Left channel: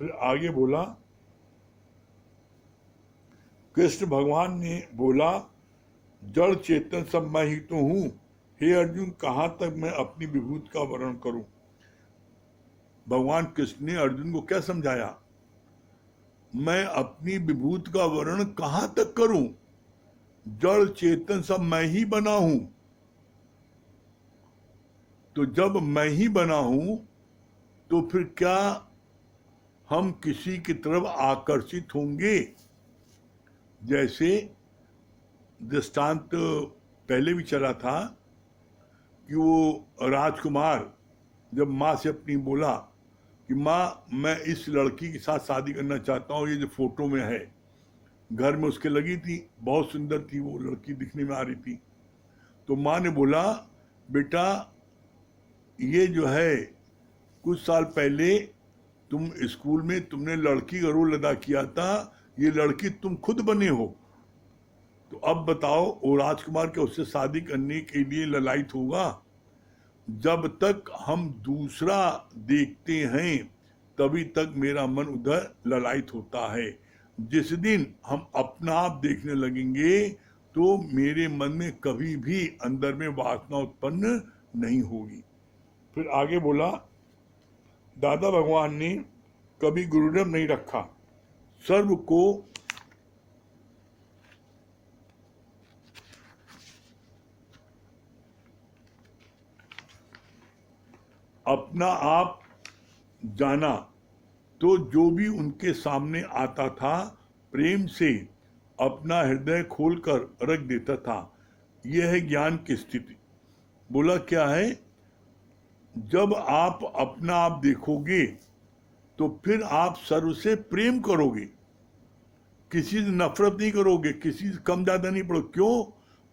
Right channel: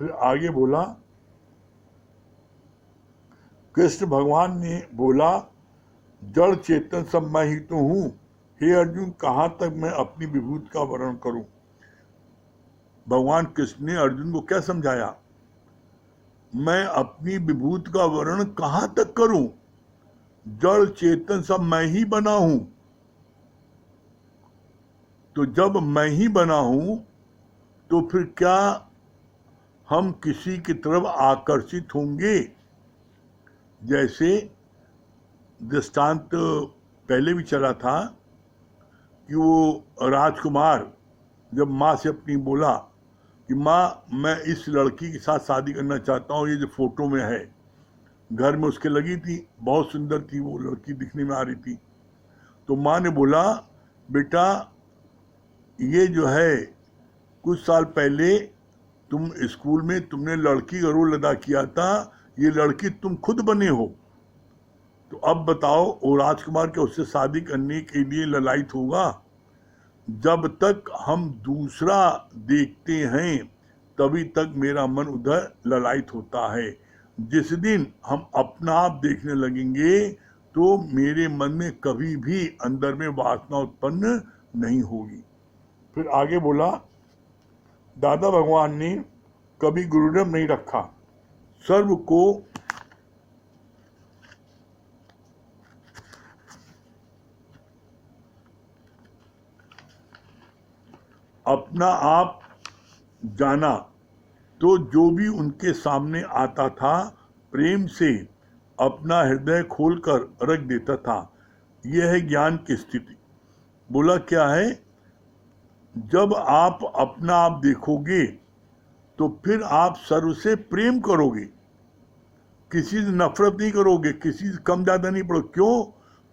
फिर आगे बोला, कृष्ण भगवान ने बोला, जड़ चेतन सब मैं ही तो हूं। हे अर्जुन, कहां तक मैं अपनी विभूति का वर्णन करूं। भगवान कृष्ण ने अर्जुन को क्या समझाया, मैं अपनी विभूति का वर्णन कहां तक करूं, जड़ चेतन सब मैं ही बना हूं। तो जब मैं ही बना हूं तो फिर क्या हम किसी की तरफ आकर्षित होंगे। जैसे दृष्टांत पहले भी चला था कि वो राजकुमार जब माँ से अपनी बोला कि माँ, मैं इस लड़की के साथ शादी करना चाहता हूँ, ये जो फोटो में है, घर में उसके लगी थी, बहुत सुंदर थी वो लड़की, दिखने में आ रही थी। तो माँ ने बोला, बेटा ये जो है कुछ साल पहले तुम स्कूल में तुमने लड़की का रोल अदा किया था, ये लड़की तुम खुद बने हो। तो अब बताओ वो राजकुमार के उससे शादी करने के लिए ललायत होगा। जब तक हम दूसरा देखते हैं तभी तक मेरा मन उधर ललायत होता है। जिस दिन हम अपना आप देखने लगेंगे तो मेरे मन में कभी भी अंदर में वासना उत्पन्न नहीं होगी। फिर आगे बोला, दादा भगवान ने कभी गुरुनाम नहीं रखा, सर्व को अपना आप जाना। तो जो भी उनके सामने आता था प्रेम से अपना हृदय खोलकर रख देता था। यह है ज्ञान की स्थिति। बोला क्या है, जब आप अपना आप देखोगे तो फिर आप सर्व से प्रेम करोगे, किसी से नफरत नहीं करोगे, किसी से कम ज्यादा नहीं पड़ो। क्यों?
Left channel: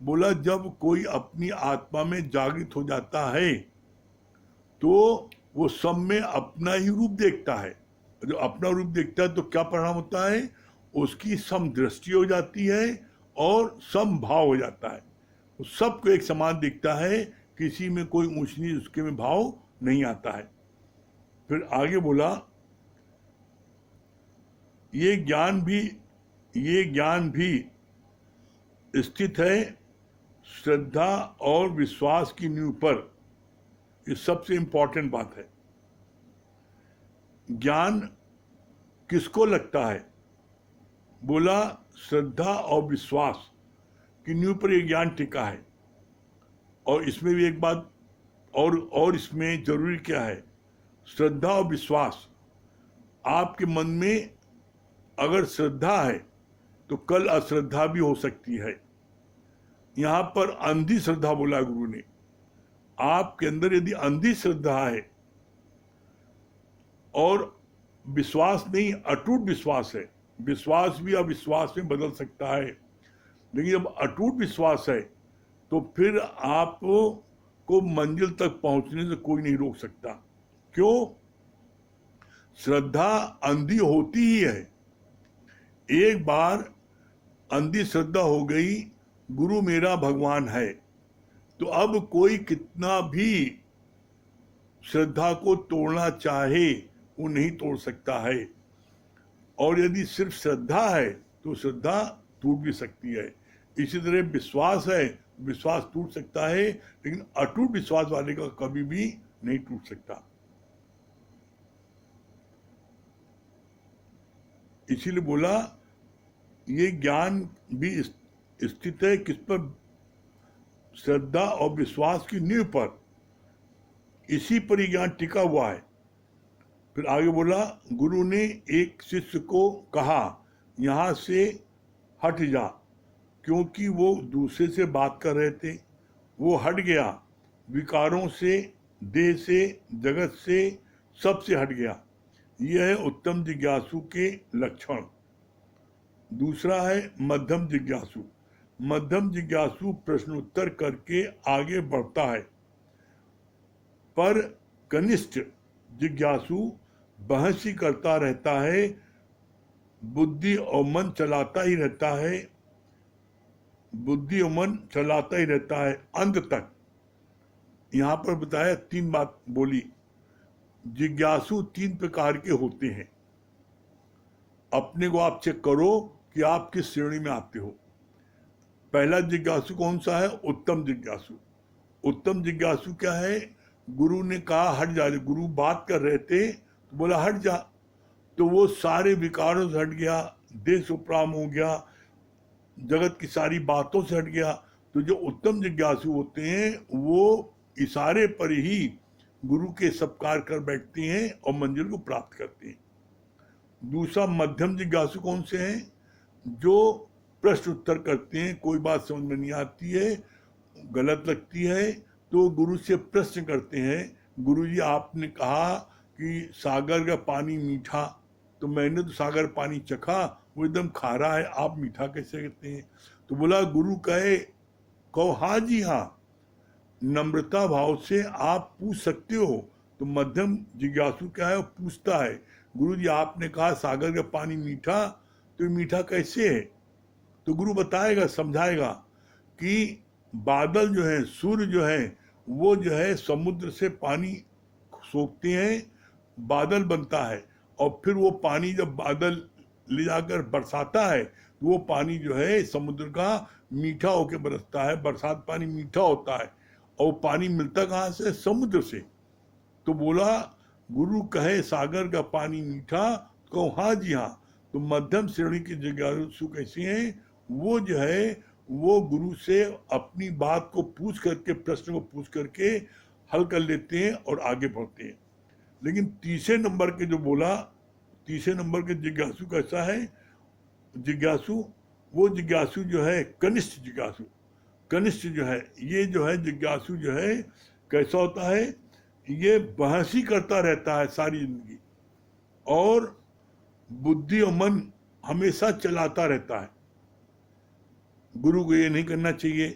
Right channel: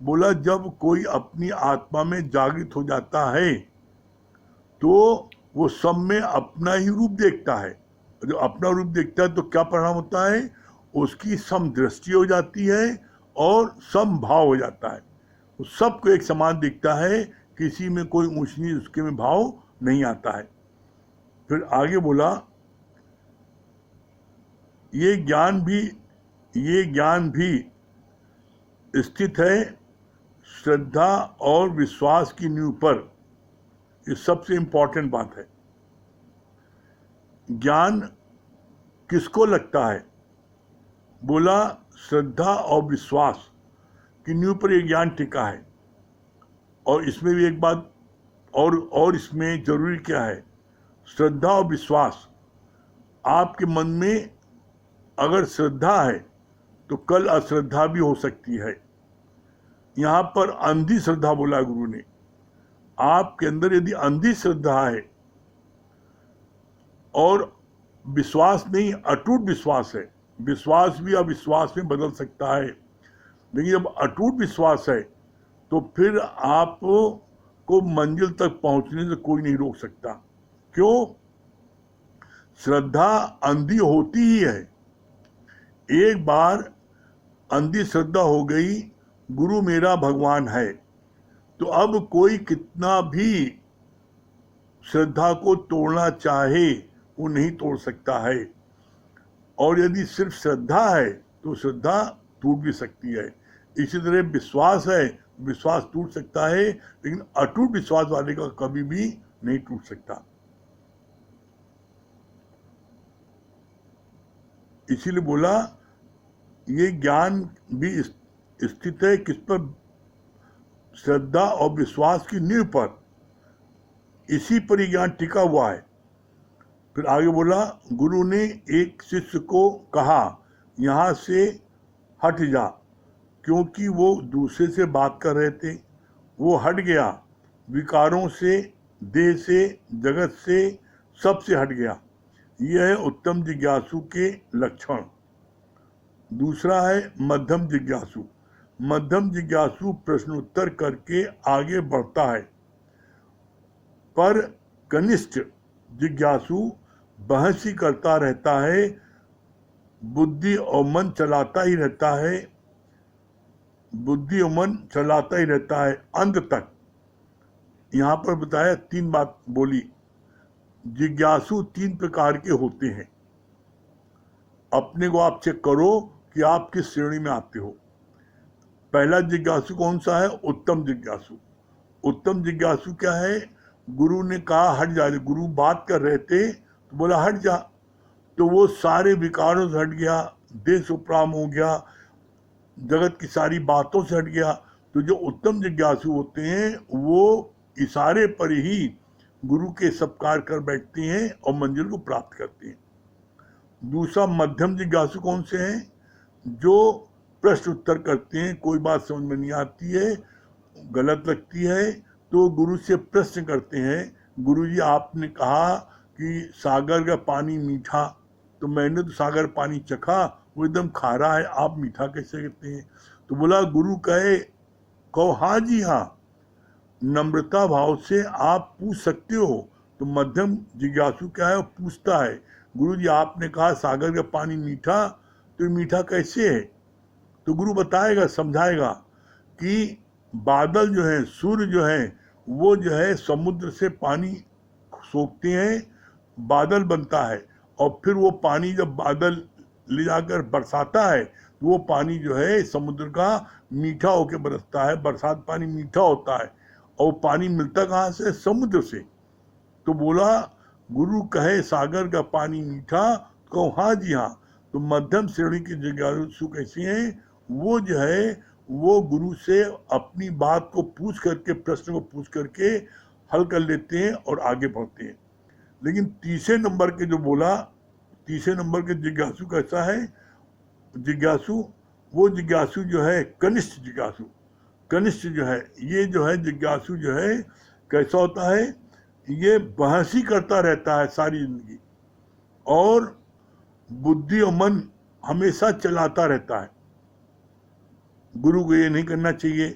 बोला, जब कोई अपनी आत्मा में जागृत हो जाता है तो वो सब में अपना ही रूप देखता है। जो अपना रूप देखता है तो क्या परिणाम होता है, उसकी समदृष्टि हो जाती है और समभाव हो जाता है। वो सबको एक समान दिखता है, किसी में कोई ऊंच नीच उसके में भाव नहीं आता है। फिर आगे बोला, ये ज्ञान भी स्थित है श्रद्धा और विश्वास की नींव पर। ये सबसे इंपॉर्टेंट बात है। ज्ञान किसको लगता है? बोला, श्रद्धा और विश्वास की नींव पर यह ज्ञान टिका है। और इसमें भी एक बात और इसमें जरूरी क्या है, श्रद्धा और विश्वास। आपके मन में अगर श्रद्धा है तो कल अश्रद्धा भी हो सकती है। यहां पर अंधी श्रद्धा बोला गुरु ने। आपके अंदर यदि अंधी श्रद्धा है और विश्वास नहीं, अटूट विश्वास है, विश्वास भी अविश्वास में बदल सकता है, लेकिन जब अटूट विश्वास है तो फिर आपको मंजिल तक पहुंचने से कोई नहीं रोक सकता। क्यों? श्रद्धा अंधी होती ही है। एक बार अंधी श्रद्धा हो गई, गुरु मेरा भगवान है, तो अब कोई कितना भी श्रद्धा को तोड़ना चाहे वो नहीं तोड़ सकता है। और यदि सिर्फ श्रद्धा है तो श्रद्धा टूट भी सकती है। इसी तरह विश्वास है, विश्वास टूट सकता है, लेकिन अटूट विश्वास वाले का कभी भी नहीं टूट सकता। इसीलिए बोला, ये ज्ञान भी स्थित है किस पर? श्रद्धा और विश्वास की नींव पर। इसी पर ही ज्ञान टिका हुआ है। फिर आगे बोला, गुरु ने एक शिष्य को कहा, यहां से हट जा, क्योंकि वो दूसरे से बात कर रहे थे। वो हट गया, विकारों से, देह से, जगत से, सबसे हट गया। यह है उत्तम जिज्ञासु के लक्षण। दूसरा है मध्यम जिज्ञासु। मध्यम जिज्ञासु प्रश्नोत्तर करके आगे बढ़ता है, पर कनिष्ठ जिज्ञासु बहस ही करता रहता है, बुद्धि और मन चलाता ही रहता है, बुद्धि और मन चलाता ही रहता है अंत तक। यहां पर बताया, तीन बात बोली। जिज्ञासु तीन प्रकार के होते हैं। अपने को आप चेक करो कि आप किस श्रेणी में आते हो। पहला जिज्ञासु कौन सा है? उत्तम जिज्ञासु। उत्तम जिज्ञासु क्या है? गुरु ने कहा हट जा, गुरु बात कर रहे थे तो बोला हट जा, तो वो सारे विकारों से हट गया, देश उपराम हो गया, जगत की सारी बातों से हट गया। तो जो उत्तम जिज्ञासु होते हैं वो इशारे पर ही गुरु के सत्कार कर बैठते हैं और मंजिल को प्राप्त करते हैं। दूसरा मध्यम जिज्ञासु कौन से हैं? जो प्रश्न उत्तर करते हैं, कोई बात समझ में नहीं आती है, गलत लगती है, तो गुरु से प्रश्न करते हैं, गुरुजी आपने कहा कि सागर का पानी मीठा, तो मैंने तो सागर पानी चखा, वो एकदम खारा है, आप मीठा कैसे कहते हैं? तो बोला गुरु कहो हाँ जी हाँ, नम्रता भाव से आप पूछ सकते हो। तो मध्यम जिज्ञासु क्या है? वो पूछता है, गुरुजी आपने कहा सागर का पानी मीठा, तो ये मीठा कैसे है? तो गुरु बताएगा, समझाएगा कि बादल जो है, सूर्य जो है, वो जो है समुद्र से पानी सोखते हैं, बादल बनता है, और फिर वो पानी जब बादल ले जाकर बरसाता है तो वो पानी जो है समुद्र का मीठा होकर बरसता है, बरसात पानी मीठा होता है, और वो पानी मिलता कहाँ से? समुद्र से। तो बोला गुरु कहे सागर का पानी मीठा, तो कहो हाँ जी हाँ। तो मध्यम श्रेणी के जिज्ञासु कैसे हैं? वो जो है वो गुरु से अपनी बात को पूछ करके, प्रश्न को पूछ करके हल कर लेते हैं और आगे बढ़ते हैं। लेकिन तीसरे नंबर के जो बोला, तीसरे नंबर के जिज्ञासु कैसा है? जिज्ञासु, वो जिज्ञासु जो है कनिष्ठ जिज्ञासु। कनिष्ठ जो है, ये जो है जिज्ञासु जो है कैसा होता है? ये बहस ही करता रहता है सारी जिंदगी, और बुद्धि और मन हमेशा चलाता रहता है। गुरु को ये नहीं करना चाहिए,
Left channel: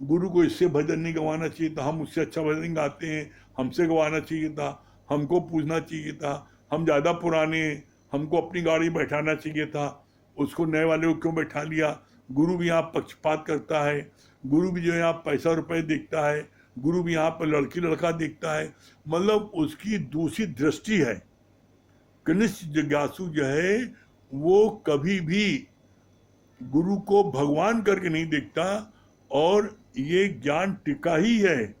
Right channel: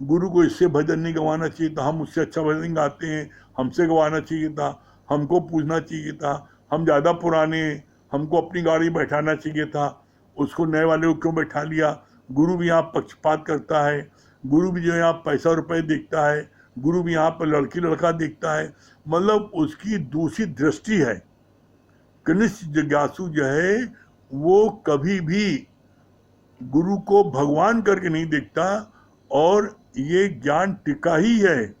गुरु को इससे भजन नहीं गवाना चाहिए था, हम उससे अच्छा भजन गाते हैं, हमसे गवाना चाहिए था, हमको पूछना चाहिए था, हम ज़्यादा पुराने हैं, हमको अपनी गाड़ी बैठाना चाहिए था, उसको नए वाले को क्यों बैठा लिया? गुरु भी यहाँ पक्षपात करता है, गुरु भी जो है यहाँ पैसा रुपए देखता है, गुरु भी यहाँ पर लड़की लड़का देखता है, मतलब उसकी दूसरी दृष्टि है। कनिष्ठ जिज्ञासु जो है वो कभी भी गुरु को भगवान करके नहीं देखता, और ये ज्ञान टिका ही है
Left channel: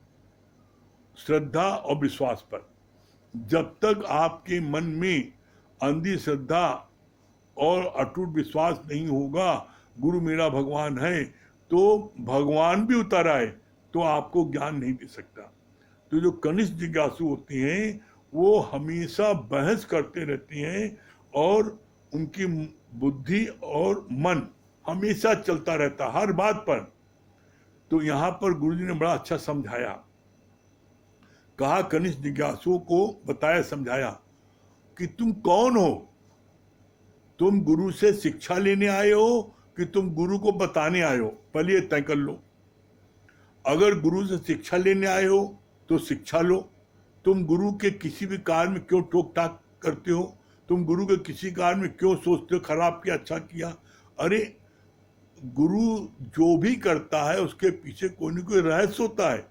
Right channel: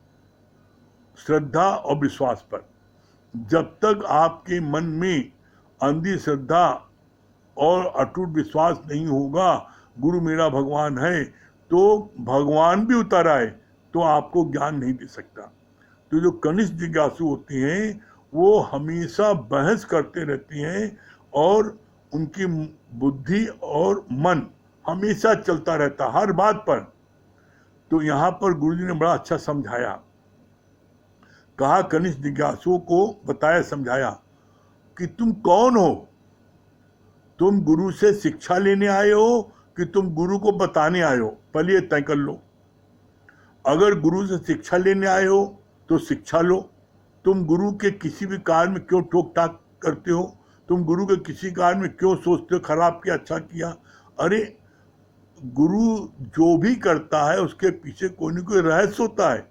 श्रद्धा और विश्वास पर। जब तक आपके मन में अंधी श्रद्धा और अटूट विश्वास नहीं होगा गुरु मेरा भगवान है, तो भगवान भी उतर आए तो आपको ज्ञान नहीं दे सकता। तो जो कनिष्ठ जिज्ञासु होते हैं वो हमेशा बहस करते रहते हैं, और उनकी बुद्धि और मन हमेशा चलता रहता हर बात पर। तो यहाँ पर गुरुजी ने बड़ा अच्छा समझाया, कहा कनिष्ठ जिज्ञासुओं को बताया, समझाया कि तुम कौन हो? तुम गुरु से शिक्षा लेने आए हो कि तुम गुरु को बताने आए हो? पहले ये तय कर लो। अगर गुरु से शिक्षा लेने आए हो तो शिक्षा लो। तुम गुरु के किसी भी कार्य में क्यों टोक टाक करते हो? तुम गुरु के किसी कार्य में क्यों सोचते हो खराब किया अच्छा किया? अरे गुरु जो भी करता है उसके पीछे कोई न कोई रहस्य होता है।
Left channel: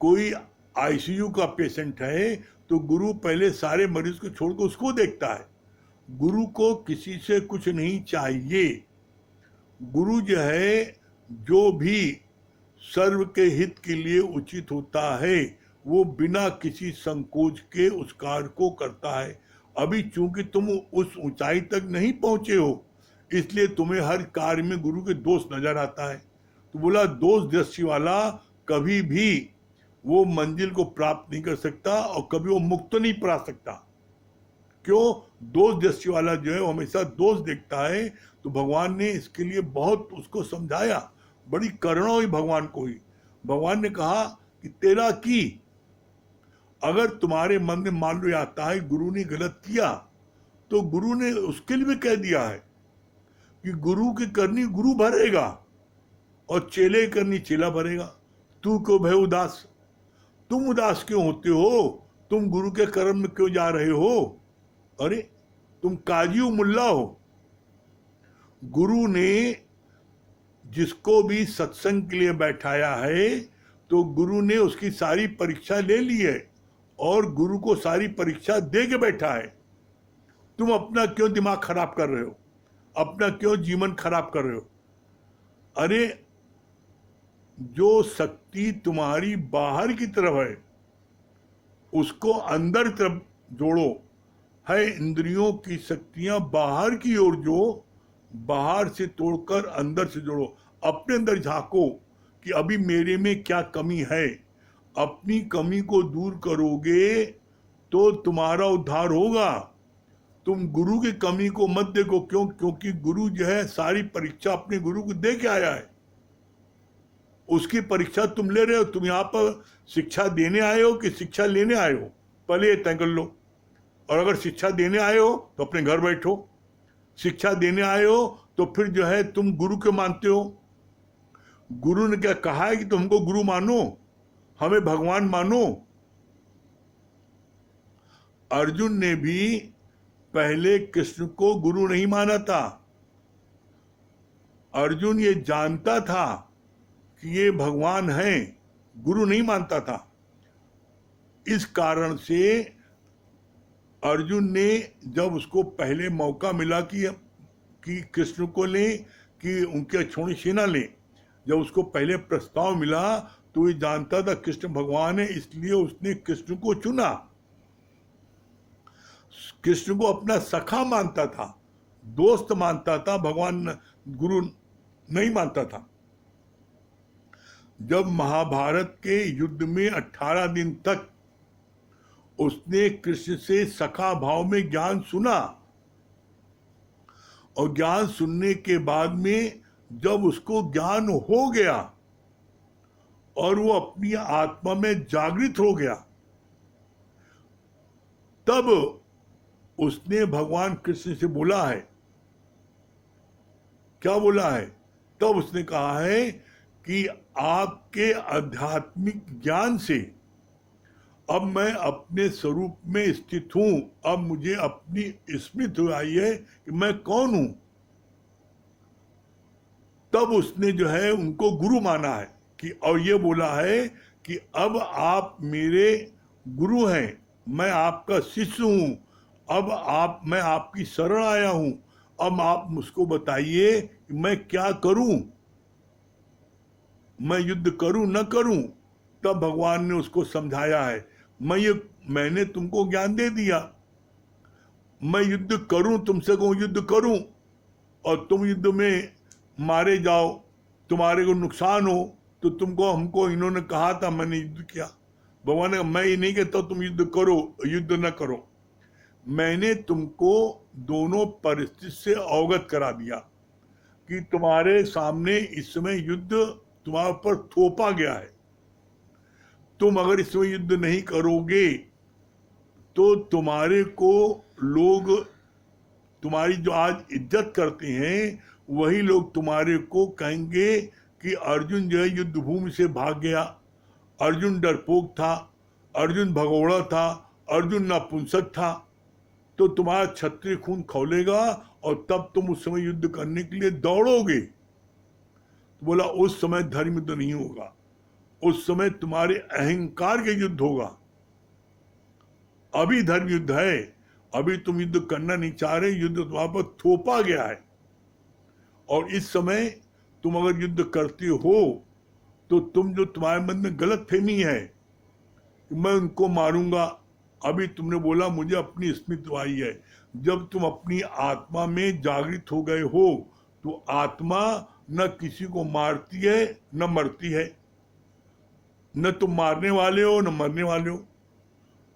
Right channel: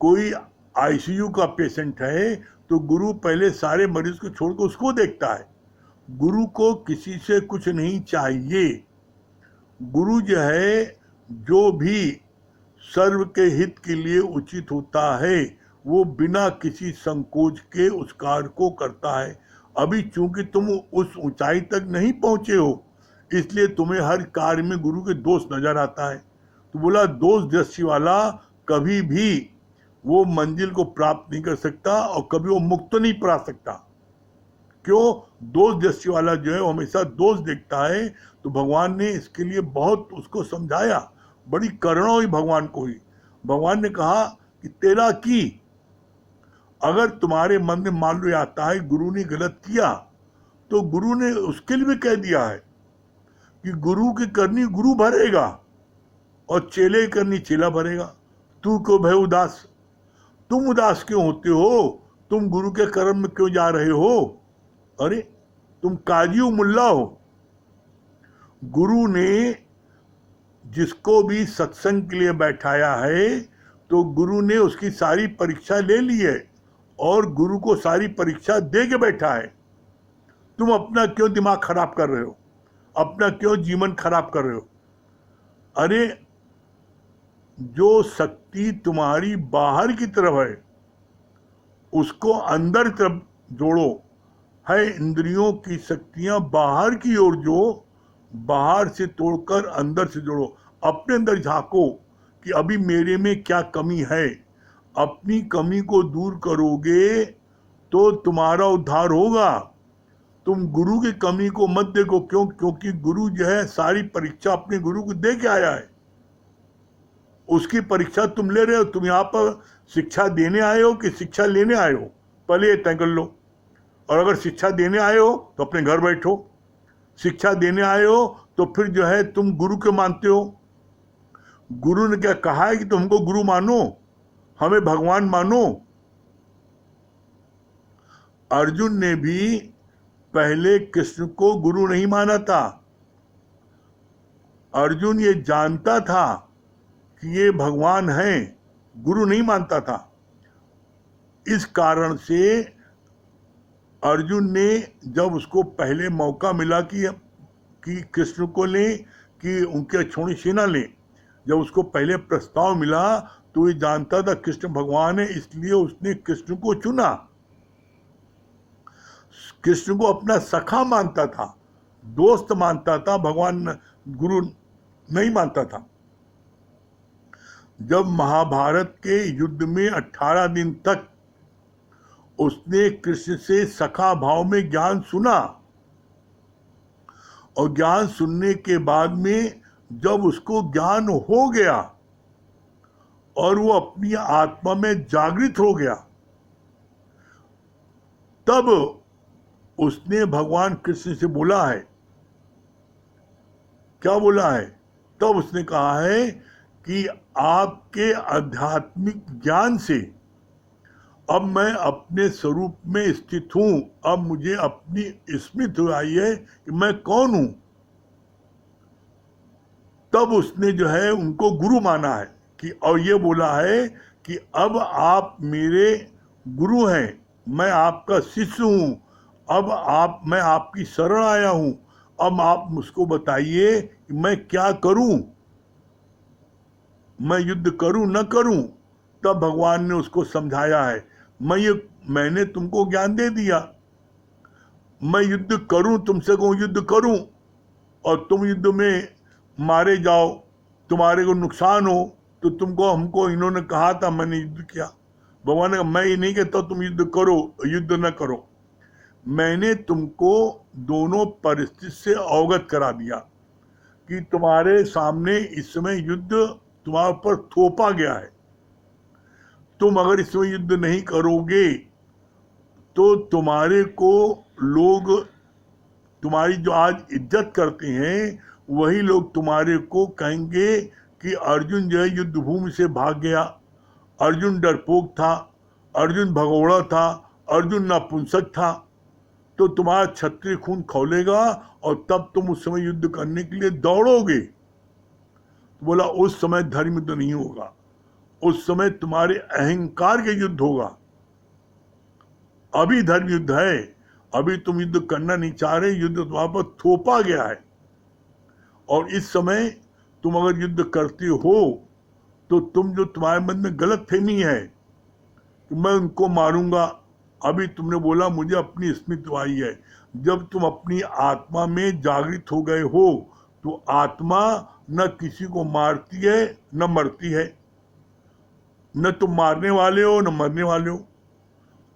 कोई आईसीयू का पेशेंट है तो गुरु पहले सारे मरीज को छोड़कर उसको देखता है। गुरु को किसी से कुछ नहीं चाहिए। गुरु जो है जो भी सर्व के हित के लिए उचित होता है वो बिना किसी संकोच के उस कार्य को करता है। अभी चूंकि तुम उस ऊंचाई तक नहीं पहुंचे हो इसलिए तुम्हें हर कार्य में गुरु के दोष नजर आता है। तो बोला दोष दृष्टि वाला कभी भी वो मंजिल को प्राप्त नहीं कर सकता और कभी वो मुक्त नहीं पा सकता। क्यों? दोष दृष्टि वाला जो है वो हमेशा दोष देखता है। तो भगवान ने इसके लिए बहुत उसको समझाया, बड़ी करुणा हुई भगवान को ही। भगवान ने कहा कि तेरा की अगर तुम्हारे मन में मान लो आता है गुरु ने गलत किया तो गुरु ने उसके लिए भी कह दिया है कि गुरु की करनी गुरु भरेगा और चेले की करनी चेला भरेगा। तू क्यों भय उदास? तुम उदास क्यों होते हो? तुम गुरु के कर्म में क्यों जा रहे हो? अरे तुम काजी मुल्ला हो। गुरु ने जिसको भी सत्संग के लिए बैठाया है तो गुरु ने उसकी सारी परीक्षा ले ली है और गुरु को सारी परीक्षा दे के बैठा है। तुम अपना क्यों दिमाग खराब कर रहे हो, अपना क्यों जीवन खराब कर रहे हो? अरे जो शक्ति तुम्हारी बाहर की तरफ है उसको अंदर की तरफ जोड़ो। है इंद्रियों की शक्तियां बाहर की ओर, जो बाहर से तोड़कर अंदर से जोड़ो। अपने अंदर झांको कि अभी मेरे में क्या कमी है। अपनी कमी को दूर करोगे तो तुम्हारा उद्धार होगा। तुम गुरु की कमी को मत देखो, क्योंकि गुरु जो है सारी परीक्षा अपने गुरु को दे के आया है। उसकी परीक्षा तुम ले रहे हो। तुम यहाँ पर शिक्षा देने आए हो कि शिक्षा लेने आए हो, पहले ये तय कर लो। और अगर शिक्षा देने आए हो तो अपने घर बैठो। शिक्षा देने आए हो तो फिर जो है तुम गुरु के मानते हो। गुरु ने क्या कहा है कि तुम हमको गुरु मानो, हमें भगवान मानो। अर्जुन ने भी पहले कृष्ण को गुरु नहीं माना था। अर्जुन ये जानता था कि ये भगवान हैं, गुरु नहीं मानता था। इस कारण से अर्जुन ने जब उसको पहले मौका मिला कि कृष्ण को ले, कि उनके छोड़ी सेना ले, जब उसको पहले प्रस्ताव मिला तो ये जानता था कृष्ण भगवान है, इसलिए उसने कृष्ण को चुना। कृष्ण को अपना सखा मानता था, दोस्त मानता था, भगवान गुरु नहीं मानता था। जब महाभारत के युद्ध में 18 दिन तक उसने कृष्ण से सखा भाव में ज्ञान सुना, और ज्ञान सुनने के बाद में जब उसको ज्ञान हो गया और वो अपनी आत्मा में जागृत हो गया, तब उसने भगवान कृष्ण से बोला है, क्या बोला है? तब उसने कहा है कि आपके आध्यात्मिक ज्ञान से अब मैं अपने स्वरूप में स्थित हूं। अब मुझे अपनी स्मृति आई है कि मैं कौन हूं। तब उसने जो है उनको गुरु माना है कि, और ये बोला है कि अब आप मेरे गुरु हैं, मैं आपका शिष्य हूं। अब मैं आपकी शरण आया हूं। अब आप मुझको बताइए कि मैं क्या करूं, मैं युद्ध करूं न करूं। तब भगवान ने उसको समझाया है, मैंने तुमको ज्ञान दे दिया, मैं युद्ध करूं, तुमसे कहूं युद्ध करूं और तुम युद्ध में मारे जाओ, तुम्हारे को नुकसान हो, तो तुमको हमको इन्होंने कहा था, मैंने युद्ध किया। भगवान ने कहा मैं ये नहीं कहता तुम युद्ध करो, युद्ध न करो। मैंने तुमको दोनों परिस्थिति से अवगत करा दिया कि तुम्हारे सामने इस समय युद्ध तुम्हारे ऊपर थोपा गया है। तुम अगर इसमें युद्ध नहीं करोगे तो तुम्हारे को लोग, तुम्हारी जो आज इज्जत करते हैं, वही लोग तुम्हारे को कहेंगे कि अर्जुन जो है युद्ध भूमि से भाग गया, अर्जुन डरपोक था, अर्जुन भगोड़ा था, अर्जुन नपुंसक था। तो तुम्हारा क्षत्रिय खून खौलेगा और तब तुम उस समय युद्ध करने के लिए दौड़ोगे। तो बोला उस समय धर्म युद्ध नहीं होगा, उस समय तुम्हारे अहंकार के युद्ध होगा। अभी धर्म युद्ध है, अभी तुम युद्ध करना नहीं चाह रहे, युद्ध तुम्हारे पर थोपा गया है। और इस समय तुम अगर युद्ध करते हो तो तुम जो तुम्हारे मन में गलत फहमी है कि मैं उनको मारूंगा, अभी तुमने बोला मुझे अपनी स्मृति आई है। जब तुम अपनी आत्मा में जागृत हो गए हो तो आत्मा न किसी को मारती है न मरती है, न तुम मारने वाले हो न मरने वाले हो।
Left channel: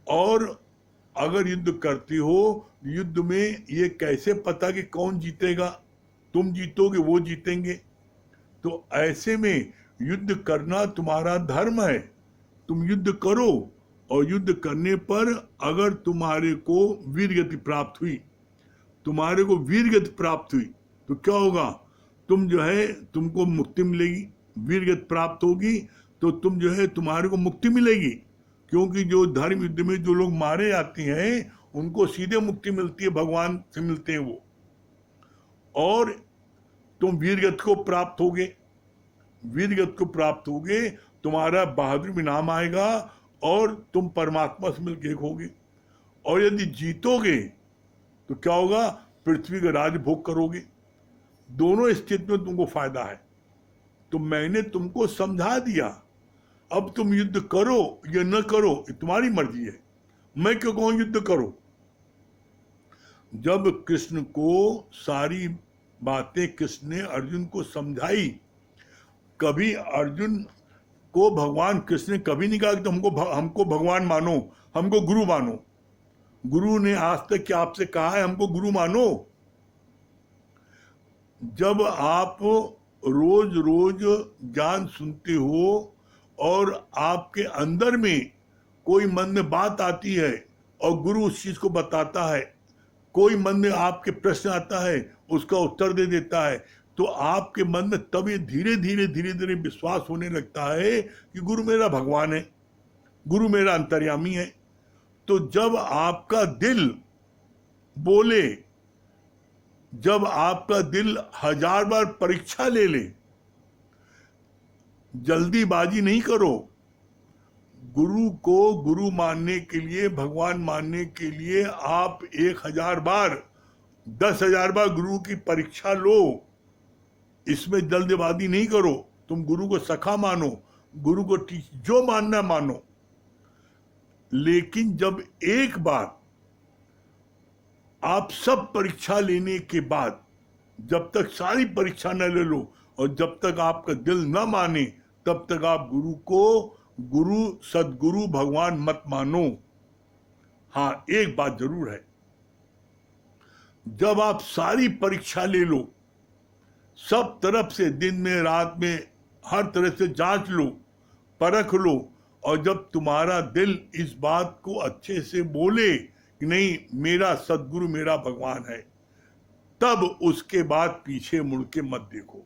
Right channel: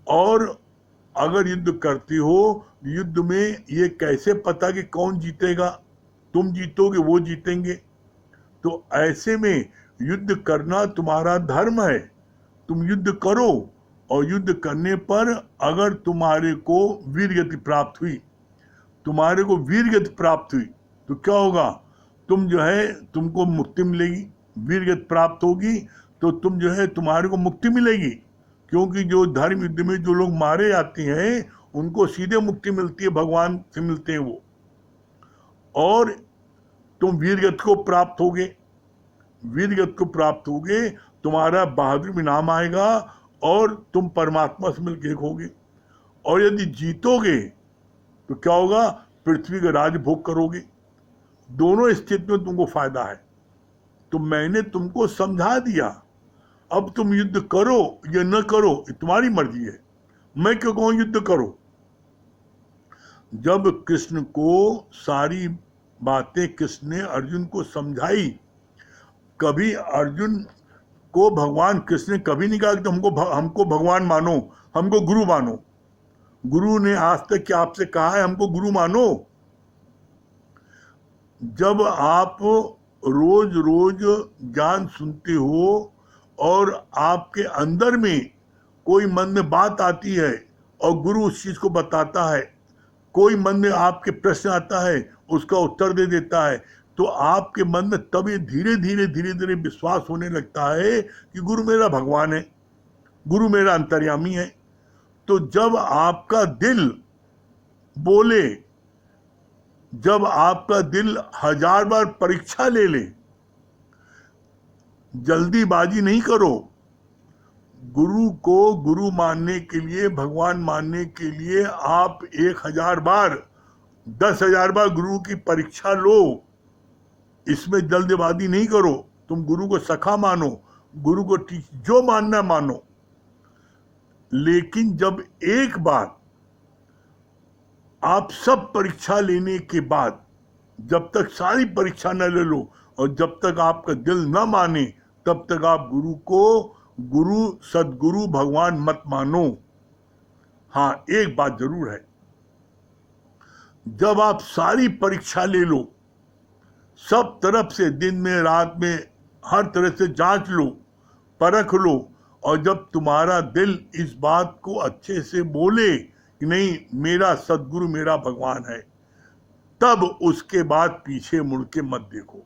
और अगर युद्ध करते हो, युद्ध में ये कैसे पता कि कौन जीतेगा? तुम जीतोगे वो जीतेंगे। तो ऐसे में युद्ध करना तुम्हारा धर्म है, तुम युद्ध करो। और युद्ध करने पर अगर तुम्हारे को वीरगति प्राप्त हुई, तुम्हारे को वीरगति प्राप्त हुई तो क्या होगा? तुम जो है तुमको मुक्ति मिलेगी, वीरगति प्राप्त होगी तो तुम जो है तुम्हारे को मुक्ति मिलेगी। क्योंकि जो धर्म युद्ध में जो लोग मारे जाते हैं उनको सीधे मुक्ति मिलती है, भगवान से मिलते हैं वो। और तुम वीरगति को प्राप्त होगे, वीरगति को प्राप्त होगे, तुम्हारा बहादुर भी नाम आएगा और तुम परमात्मा से मिलकर एक होगे। और यदि जीतोगे तो क्या होगा, पृथ्वी का राज भोग करोगे। दोनों स्थिति में तुमको फायदा है। तो मैंने तुमको समझा दिया, अब तुम युद्ध करो या न करो ये तुम्हारी मर्जी है। मैं क्यों कहूं युद्ध करो। जब कृष्ण को सारी बातें कृष्ण ने अर्जुन को समझाई, कभी अर्जुन को भगवान कृष्ण ने कभी नहीं कहा कि हमको भगवान मानो, हमको गुरु मानो। गुरु ने आज तक क्या आपसे कहा है हमको गुरु मानो? जब आप रोज रोज ज्ञान सुनते हो और आपके अंदर में कोई मन में बात आती है और गुरु उस चीज को बताता है, कोई मन में आपके प्रश्न आता है उसका उत्तर दे देता है, तो आपके मन में तब ये धीरे धीरे विश्वास होने लगता है कि गुरु मेरा भगवान है, गुरु मेरा अंतर्यामी है। तो जब आपका दिल बोले, जब आपका दिल 1000 बार परीक्षा ले ले, जल्दीबाजी नहीं करो। गुरु को गुरु मानने के लिए, भगवान मानने के लिए आप 1000 बार, 10,000 बार गुरु की परीक्षा लो। इसमें जल्दबाजी नहीं करो। तुम गुरु को सखा मानो, गुरु को जो मानना मानो, लेकिन जब एक बार आप सब परीक्षा लेने के बाद, जब तक सारी परीक्षा न ले लो और जब तक आपका दिल न माने, तब तक आप गुरु को गुरु, सदगुरु, भगवान मत मानो। हाँ, एक बात जरूर है, जब आप सारी परीक्षा ले लो, सब तरफ से, दिन में रात में, हर तरह से जांच लो, परख लो, और जब तुम्हारा दिल इस बात को अच्छे से बोले कि नहीं मेरा सदगुरु मेरा भगवान है, तब उसके बाद पीछे मुड़ के मत देखो।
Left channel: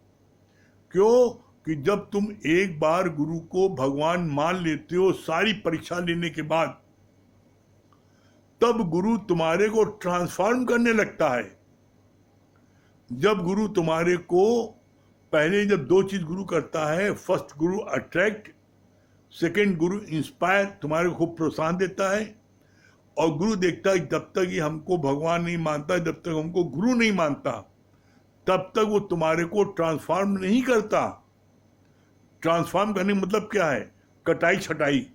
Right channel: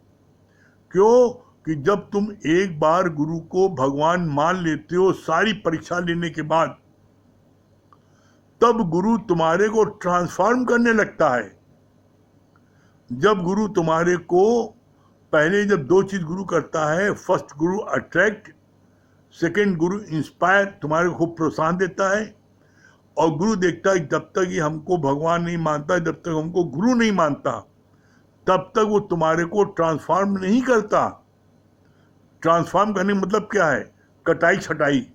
क्यों कि जब तुम एक बार गुरु को भगवान मान लेते हो सारी परीक्षा लेने के बाद, तब गुरु तुम्हारे को ट्रांसफॉर्म करने लगता है। जब गुरु तुम्हारे को, पहले जब दो चीज गुरु करता है, फर्स्ट गुरु अट्रैक्ट, सेकंड गुरु इंस्पायर, तुम्हारे को खूब प्रोत्साहन देता है। और गुरु देखता है जब तक ये हमको भगवान नहीं मानता, जब तक हमको गुरु नहीं मानता, तब तक वो तुम्हारे को ट्रांसफॉर्म नहीं करता। ट्रांसफॉर्म करने का मतलब क्या है? कटाई छटाई,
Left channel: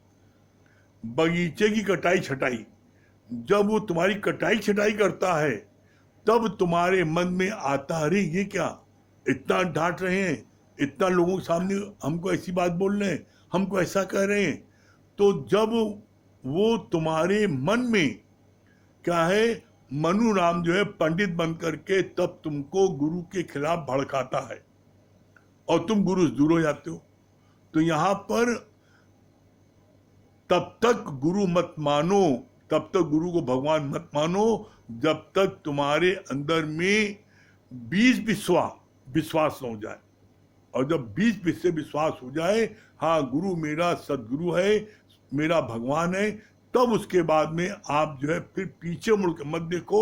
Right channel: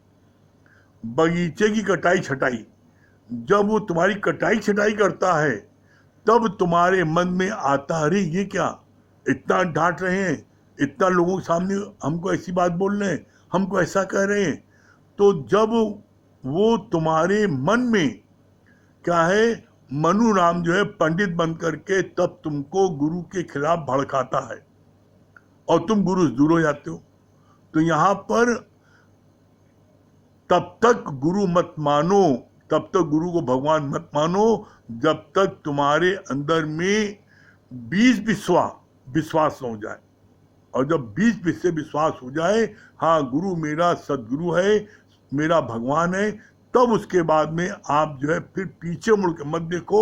बगीचे की कटाई छटाई। जब वो तुम्हारी कटाई छटाई करता है, तब तुम्हारे मन में आता, अरे ये क्या, इतना डांट रहे हैं, इतना लोगों के सामने हमको ऐसी बात बोल रहे हैं, हमको ऐसा कह रहे हैं। तो जब वो तुम्हारे मन में क्या है, मनु राम जो है पंडित बन करके तब तुमको गुरु के खिलाफ भड़काता है और तुम गुरु से दूर हो जाते हो। तो यहां पर तब तक गुरु मत मानो, तब तक गुरु को भगवान मत मानो, जब तक तुम्हारे अंदर में 20 विश्वास न हो जाए। और जब 20 से विश्वास हो जाए, हाँ गुरु मेरा सदगुरु है, मेरा भगवान है, तब उसके बाद में आप जो है फिर पीछे मुड़ के मत देखो।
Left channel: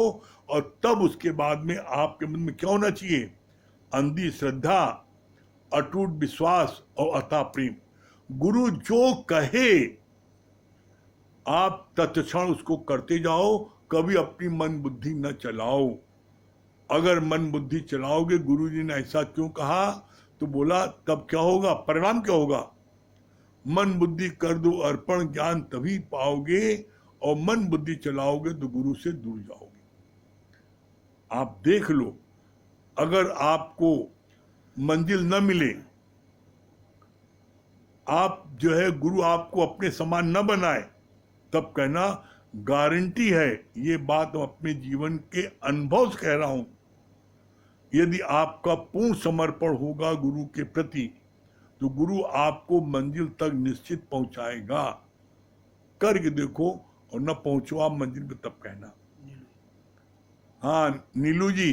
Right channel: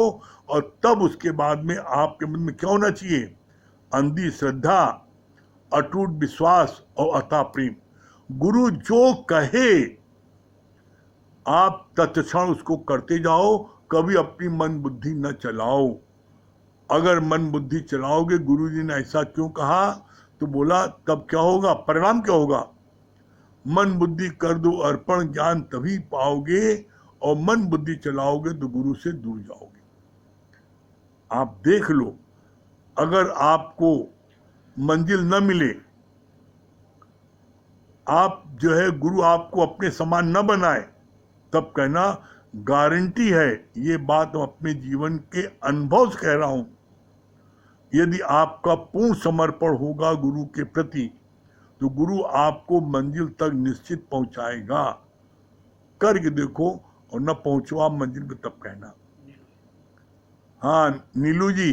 और तब उसके बाद में आपके मन में क्या होना चाहिए? अंधी श्रद्धा, अटूट विश्वास और अथाह प्रेम। गुरु जो कहे आप तत्क्षण उसको करते जाओ, कभी अपनी मन बुद्धि न चलाओ। अगर मन बुद्धि चलाओगे, गुरु जी ने ऐसा क्यों कहा, तो बोला तब क्या होगा, परिणाम क्या होगा? मन बुद्धि कर दो अर्पण, ज्ञान तभी पाओगे। और मन बुद्धि चलाओगे तो गुरु से दूर जाओगे। आप देख लो, अगर आपको मंजिल न मिले, आप जो है गुरु आपको अपने समान न बनाए, तब कहना गारंटी है, ये बात मैं अपने जीवन के अनुभव से कह रहा हूं, यदि आपका पूर्ण समर्पण होगा गुरु के प्रति, तो गुरु आपको मंजिल तक निश्चित पहुंचाएगा। करके देखो, और न पहुंचो आप मंजिल पे तब कहना। हाँ नीलू जी।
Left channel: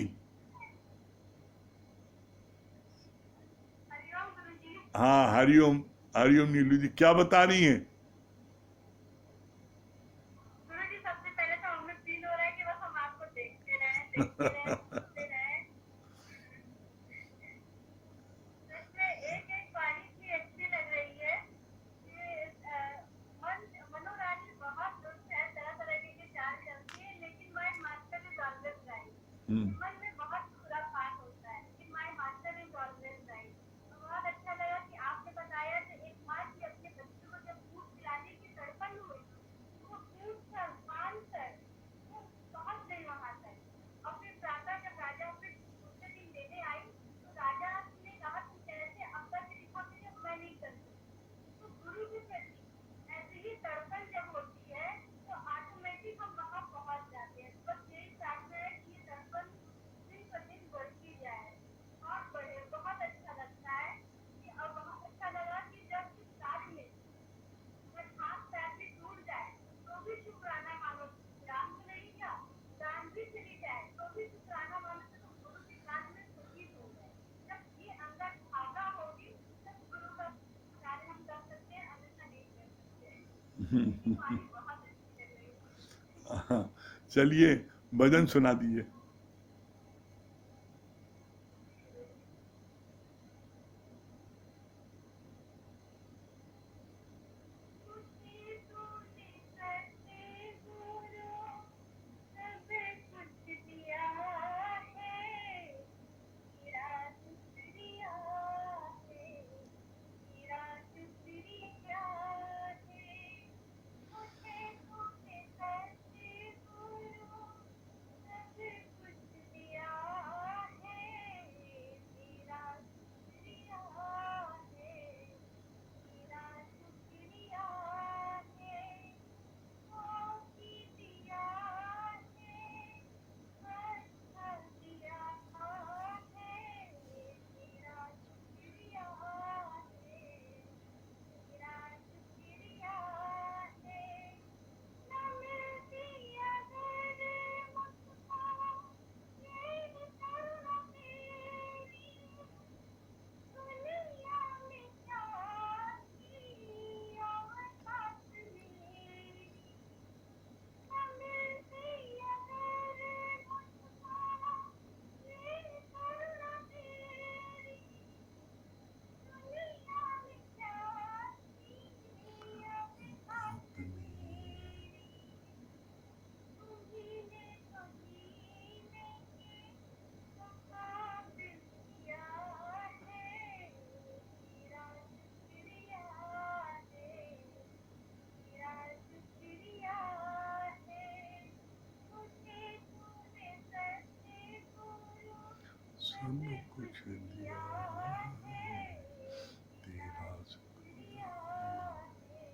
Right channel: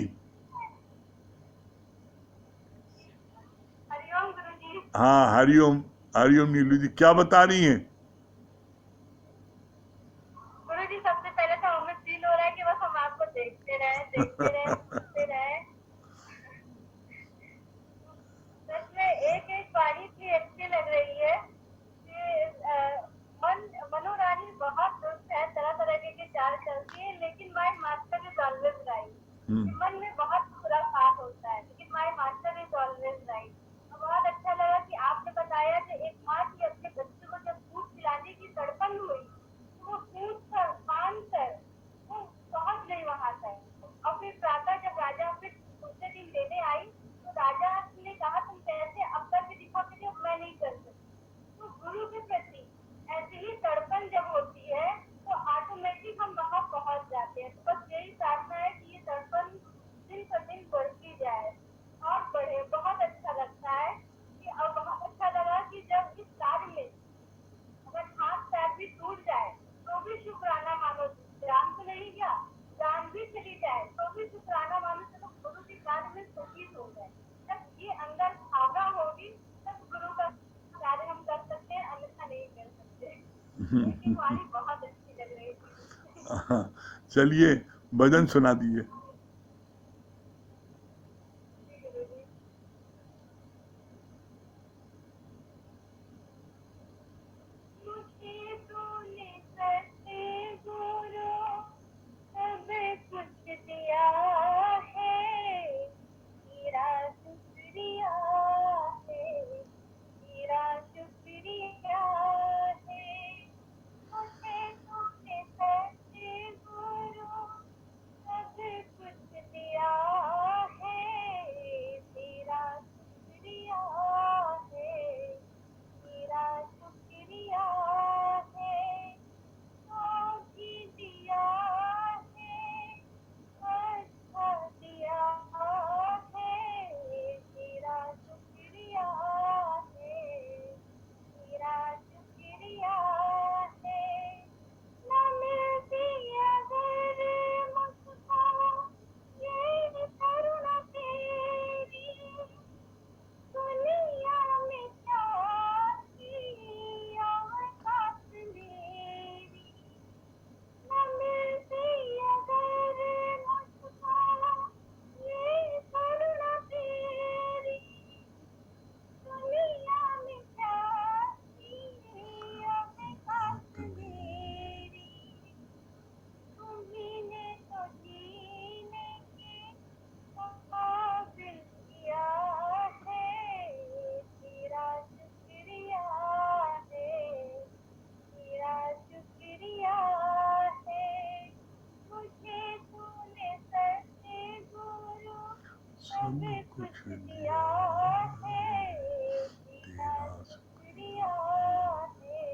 हरिओम गुरुजी। हाँ हरिओम, हरिओम नीलू जी, क्या बता रही हैं? गुरुजी सबसे पहले तो हमें फील हो रहा है कि बस हम आपको देखते रहे, सुनते रहे। सच में एक एक बाणी की अच्छी लग रही है कि मनु रानी बहुत दुष्ट है, तरह तरह के चाल चलती है, लेकिन माई माता के तालमेल मन में बहुत खुराफात होता है, लेकिन my master is always right. बहुत अच्छा लगा कि आपने बताया कि एक माँ की अपने बच्चे को जब दूध पिलाने की तड़पन हुई, तो वो पूछ कर मान कर वो पहुंच गई वहां तक। और फिर प्रातः जब राजा फिर दूसरे दिन लेने आई, तो राजा ने कहा तुम कैसे अब करके दिखाओ, कि मैं नहीं कर सकती। तो गुरु के प्रति ऐसी ही तड़पन जब होती है तो ऑटोमेटिक हम वहां पहुंच जाते हैं। तो बस यही प्रार्थना है कि ये तड़पन दिन पर दिन बढ़ती जाए और बढ़े। बहुत अच्छा लगता है कि अब बहुत अच्छा लगा कि जब इस कार्य में अगर हाथ पैर भी टूट जाए तो भी शुक्राना मानो। जान तो नहीं गया, जान भी चली जाए तो भी शुक्राना मानो, चलो गुरु के कार्य में शहीद हो गए। जब ये अंदर भावना होगी तब गुरु का कार्य हम कर सकते हैं, अन्यथा नहीं कर सकते। लेकिन वाणी बहुत अच्छी लग रही थी। चलिए भजन सुना दीजिए। मुझे तूने सच्चे गुरु सब कुछ दिया है, तेरा शुक्रिया है, तेरा शुक्रिया है। मुझे तूने सच्चे गुरु सब कुछ दिया है, तेरा शुक्रिया है, तेरा शुक्रिया है। भी दिया है, अच्छा दिया है, तेरा शुक्रिया है, तेरा शुक्रिया है। न मिलती अगर मुझको ये करुणा तेरी, दुनिया में क्या थी औकात मेरी। न मिलती अगर मुझको ये करुणा तेरी, दुनिया में क्या थी औकात मेरी। तुम्ही ने तो जीने के काबिल किया है, तेरा शुक्रिया है, तेरा शुक्रिया है। मुझे तूने सच्चे गुरु सब कुछ दिया है, तेरा शुक्रिया है,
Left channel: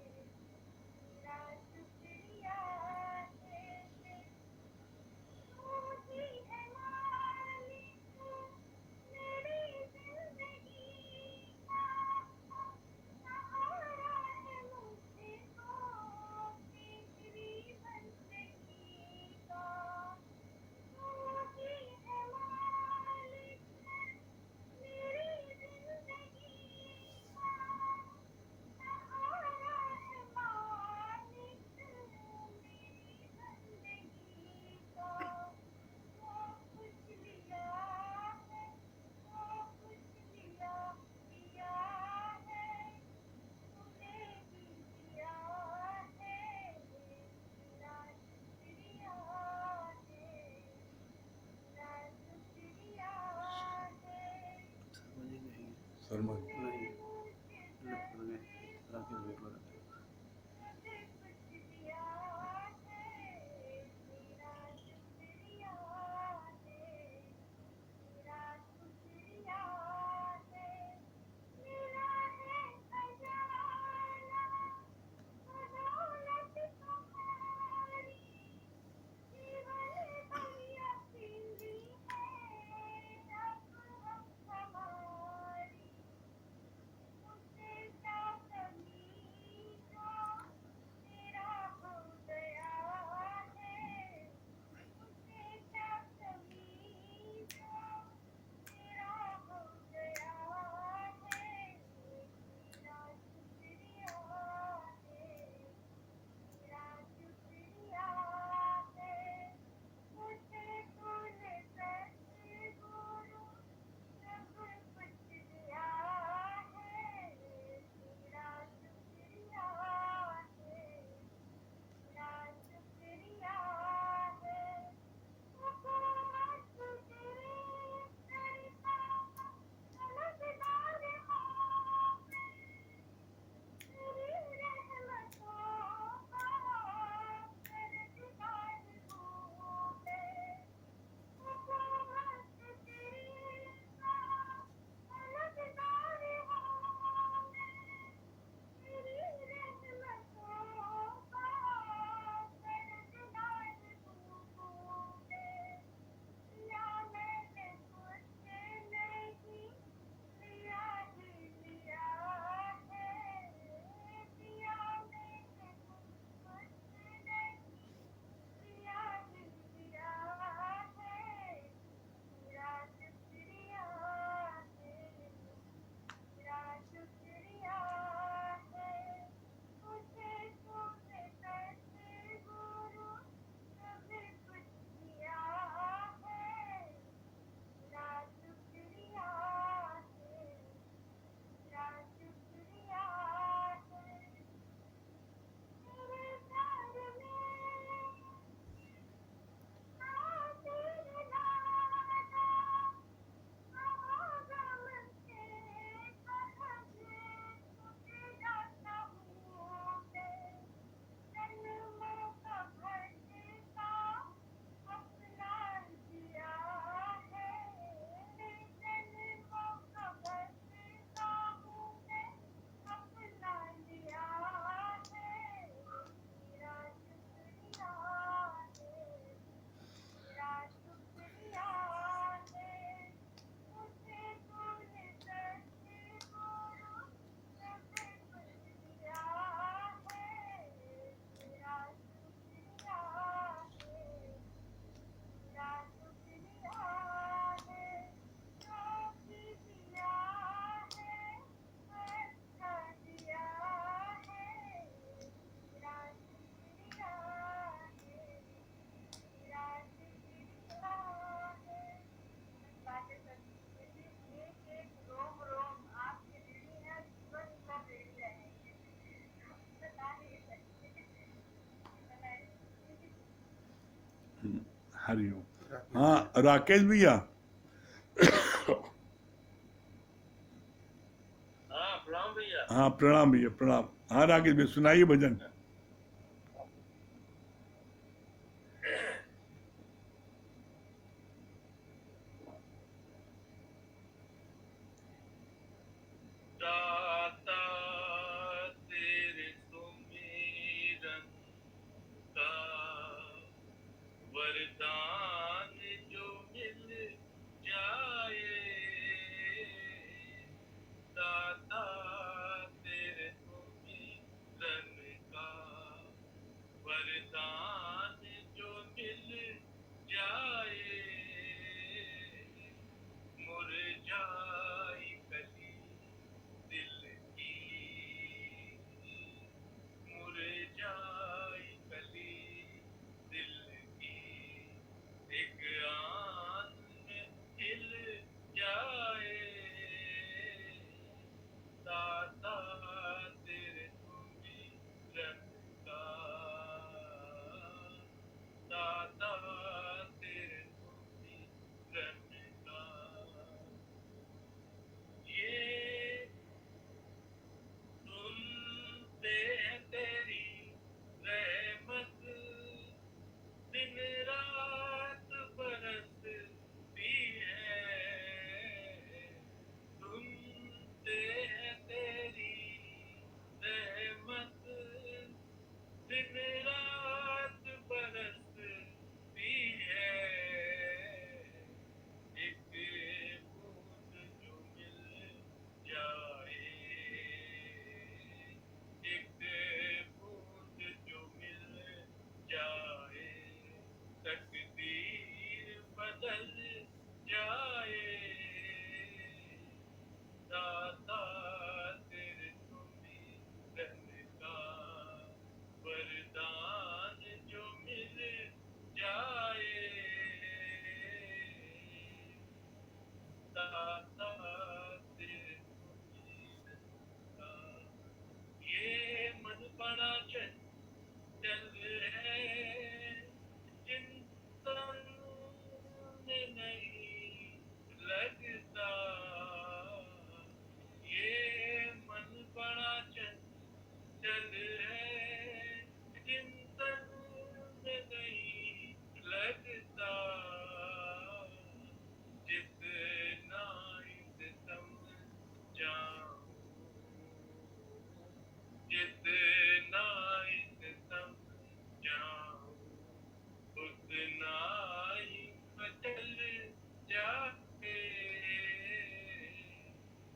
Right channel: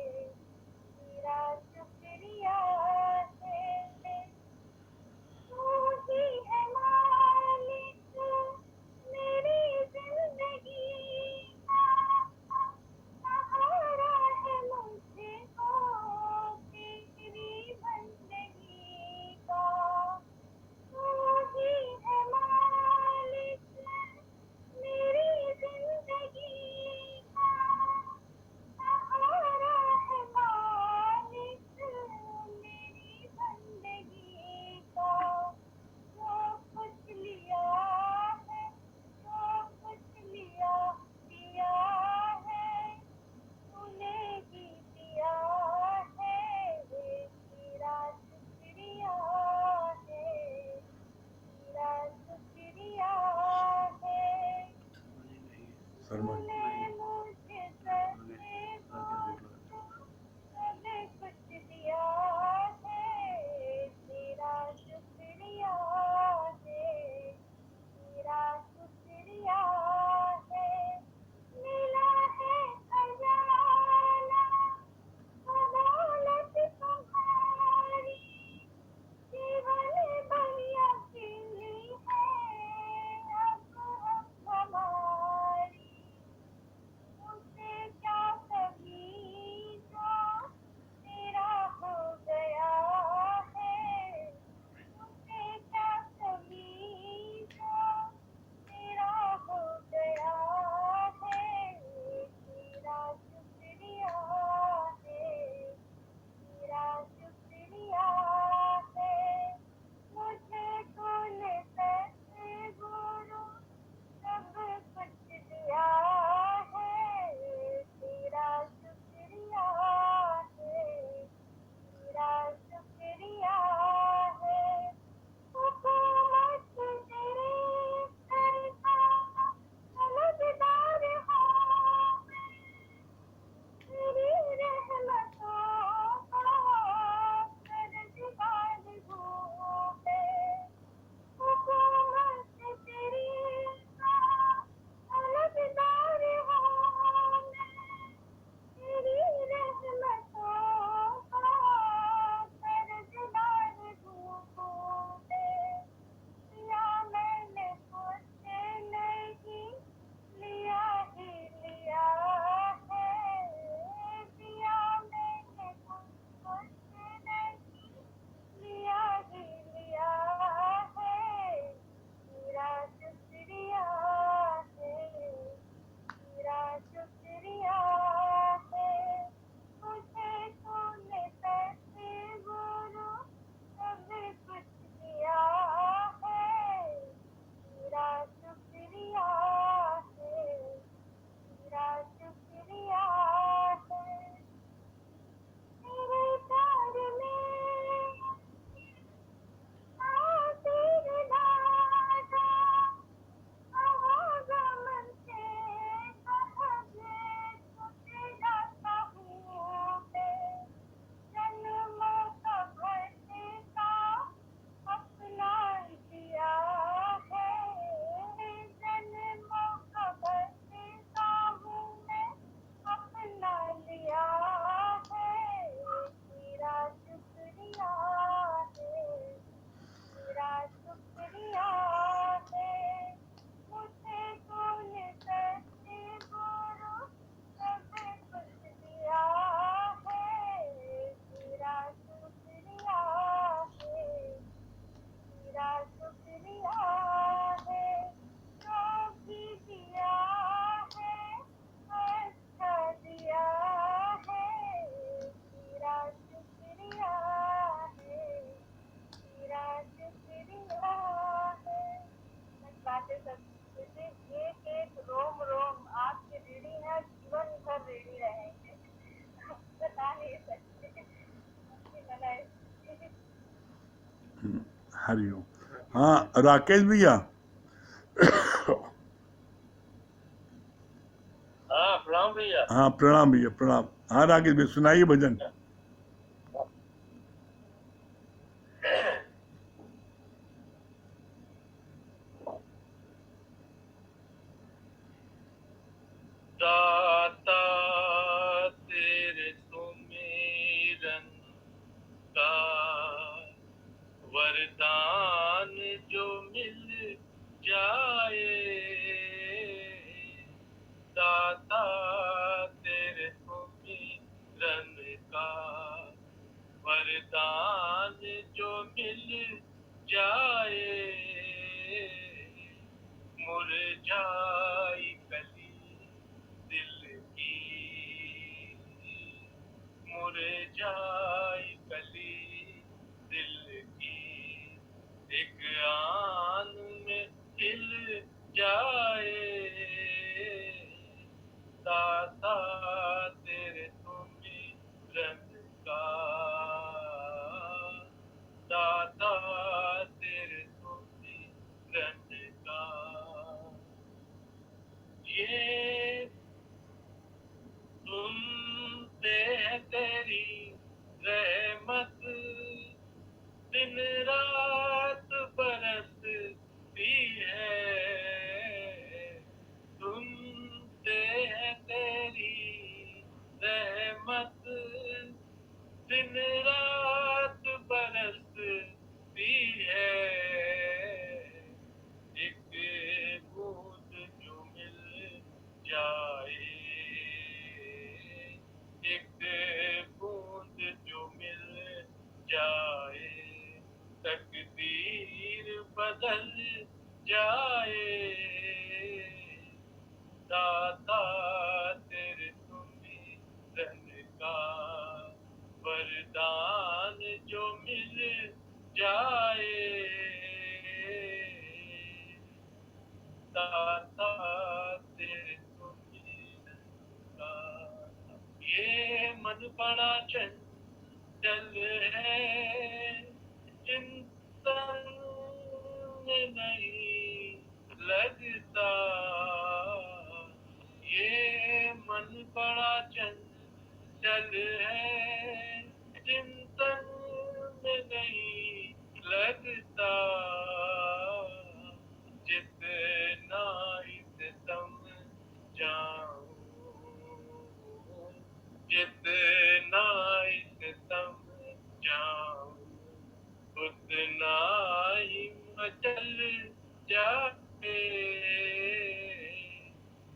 तेरा शुक्रिया है। तू ही है मालिक मेरी जिंदगी का, सहारा है मुझको तेरी बंदगी का। तू ही है मालिक मेरी जिंदगी का, सहारा है मालिक मेरी बंदगी का। जो कुछ लिया है, जो कुछ दिया है, तूने ही दिया है, तेरा शुक्रिया है, तेरा शुक्रिया है। शर्मा तूने मुझे सच्चे गुरु सब कुछ दिया है, तेरा शुक्रिया है, तेरा शुक्रिया है। मिला है खजाना दौलत तुम्हारी, जीवन भैया खिली है अब हमारी। हरिओम। हाँ राकेश भैया, हाँ प्रणाम भैया। हाँ प्रणाम भैया प्रणाम। हाँ राकेश भैया सुनाइए भजन। दाता तेरे सुमिरन का वरदान जो मिल जाए, दाता तेरे सुमिरन का वरदान जो मिल जाए, मुरझाई कली दिल की, मुरझाई कली दिल की, एक आन में खिल जाए, दाता तेरे सुमिरन का, दाता तेरे सुमिरन का। ये सुनते हैं तेरी रहमत, दिन रात बरसती है, सुनते हैं तेरी रहमत, दिन रात बरसती है, एक बूंद जो मिल जाए, एक बूंद जो मिल जाए, तकदीर बदल जाए, दाता तेरे सुमिरन का वरदान जो मिल जाए, दाता तेरे सुमिरन का। ये मन बड़ा चंचल है, चिंतन में नहीं लगता, ये मन बड़ा चंचल है, चिंतन में नहीं लगता, जितना इतम जाऊं, जितना इतम जाऊं, उतना ही मचल जाए,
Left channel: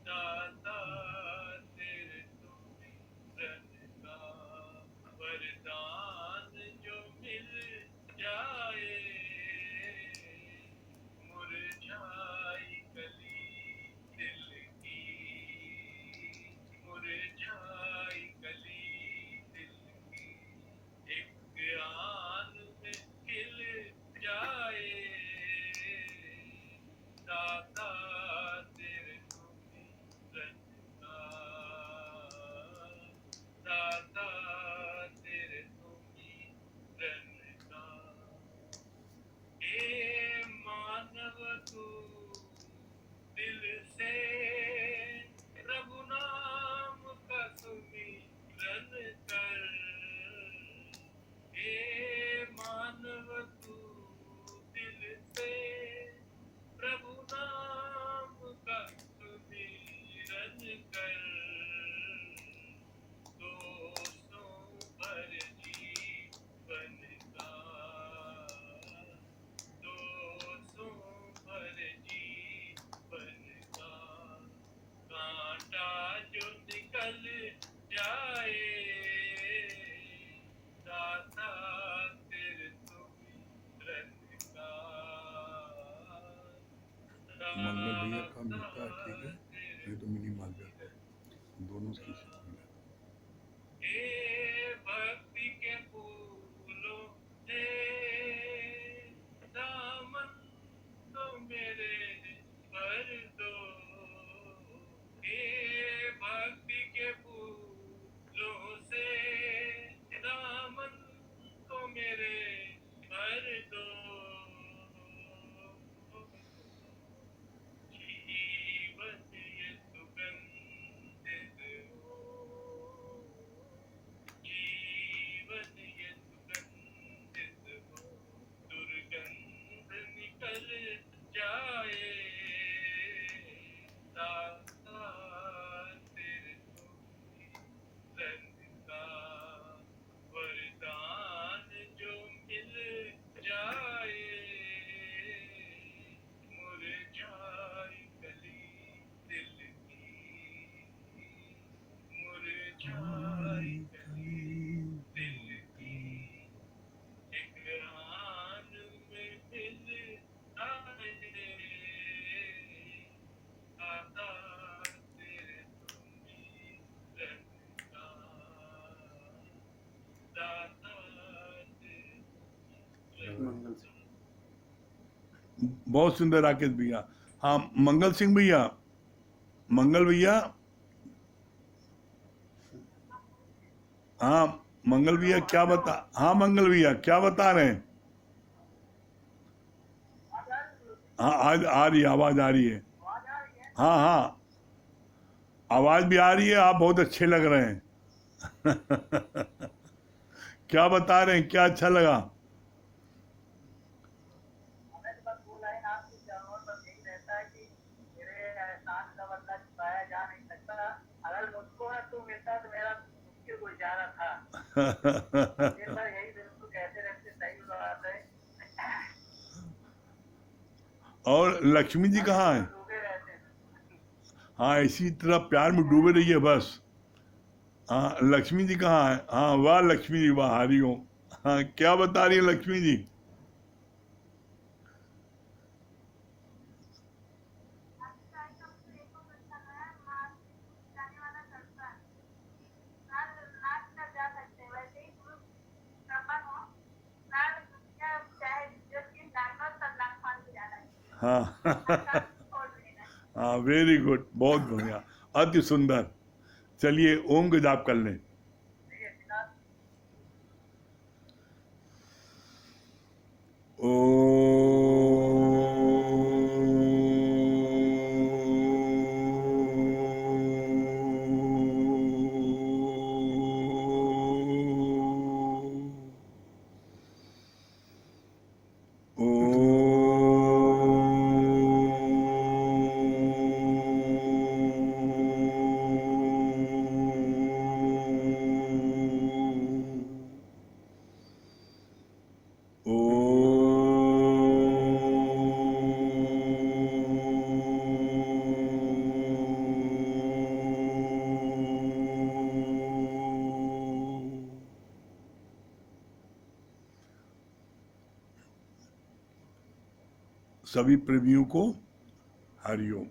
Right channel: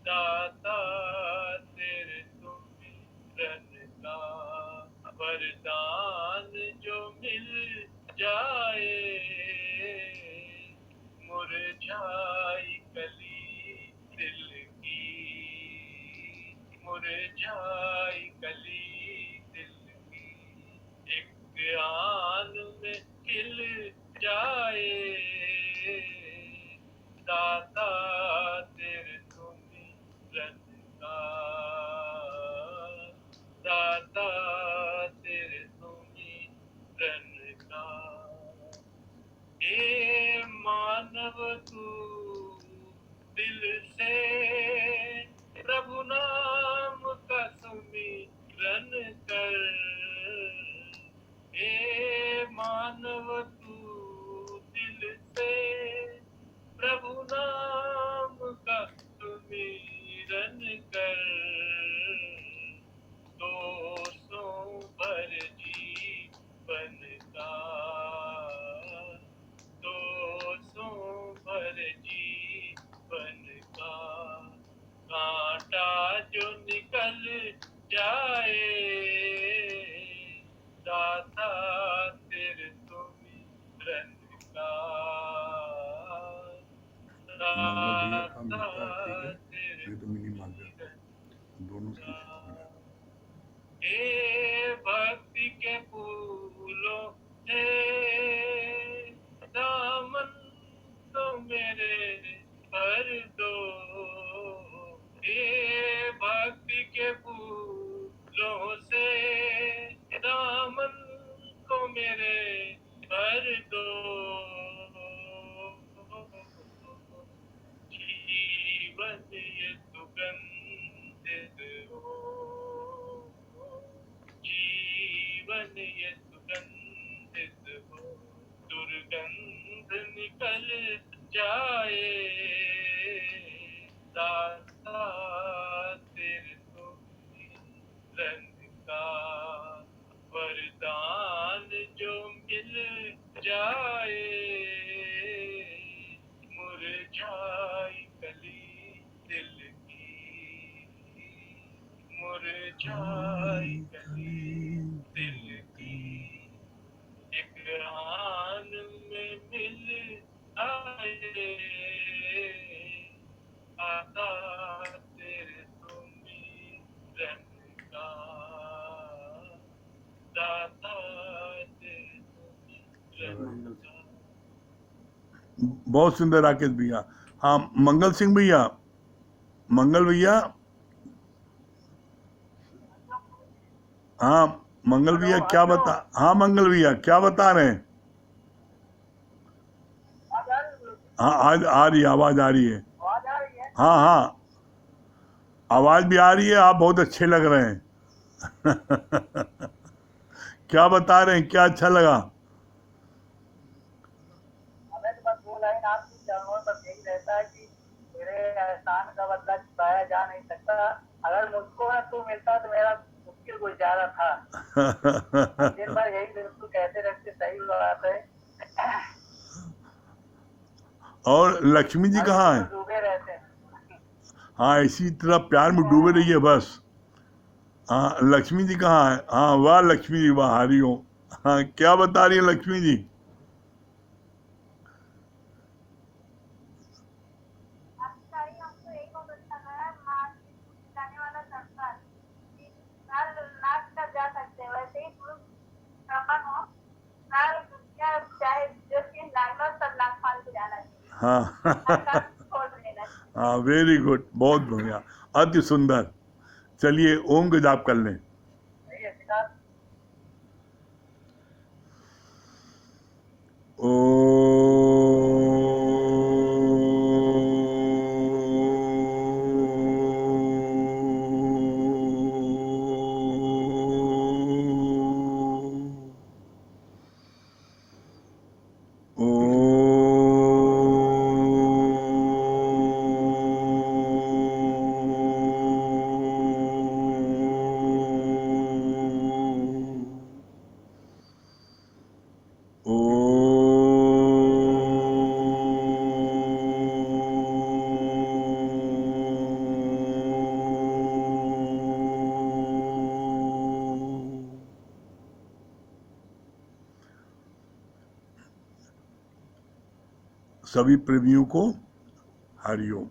दाता तेरे सुमिरन का वरदान जो मिल जाए, मुरझाई कली दिल की, मुरझाई कली दिल की, एक आन में खिल जाए, दाता तेरे सुमिरन का, दाता तेरे सुमिरन का। हे मानव तू दिल से प्रभु नाम का सुमिरन कर, हे मानव तू दिल से प्रभु नाम का सुमिरन कर, दोषों भर जीवन का, दोषों भर जीवन का, कांटा जो निकल जाए, दाता तेरे सुमिरन का, मंगल भैया का मिलता है ठीक है, नहीं तो मिनी मार जाता है दोनों की मिला। हे भक्ति के फूलों से दामन तो मेरे भर दो, हे भक्ति के फूलों से दामन को मेरे भर दो, कर जाए दाता तेरे तो रंग का वरदान जो मिल जाए मुरझाई कली दिल की मुरझाई कली दिल की एक रान में मिल आए आता तेरे तो रंग का दाता तेरे तो रंग का बहुत सुंदर राकेश भैया। हाँ मंगल सिंह भैया, मंगल भैया, हाँ मंगल भैया क्या बता, हाँ मंगल भैया क्या बता रहे हैं? हाँ आज आ रही है, आवाज आ रही है। हाँ हाँ आवाज भी आ रही है, आप बहुत अच्छे लग रहे हैं। क्या बता रहे हैं, क्या अच्छा लगा? हमें तो बस वो लाइन आपकी चरणों पर यही रहता है कि मेरे एहसान का बदला चुकाया जा नहीं सकता। अगर मुझको ना तू मिलता तो मेरा मुश्किल गुजारा था। दिन भर यही बिल्कुल कहते रहते, सही बात है। और लक्ष्मी जी कहाँ है? डूबे रहते हैं। हाँ इसी तरह प्यार में डूबे रहिए बस। हाँ लक्ष्मी जी कहाँ है? हाँ वाह लक्ष्मी जी वाह, हरिओम। हाँ क्या बता रही है लक्ष्मी जी? अच्छा ही हमको एक और बताना है, माँ जाने वाला तड़का नाल नाच कर जा सकते हैं, वैसे ही पुरुष ब्राह्मण हो नाल क्या चाहे जो चीज नॉर्मल सब नाक फाल के जाना चाहिए, हाँ नाक छोड़ देना चाहिए। हाँ वेरी गुड, बहुत बढ़िया, अति सुंदर। चलिए ओम का जाप कर लें। सही है पिता। सभी प्रेमियों को हरिओम।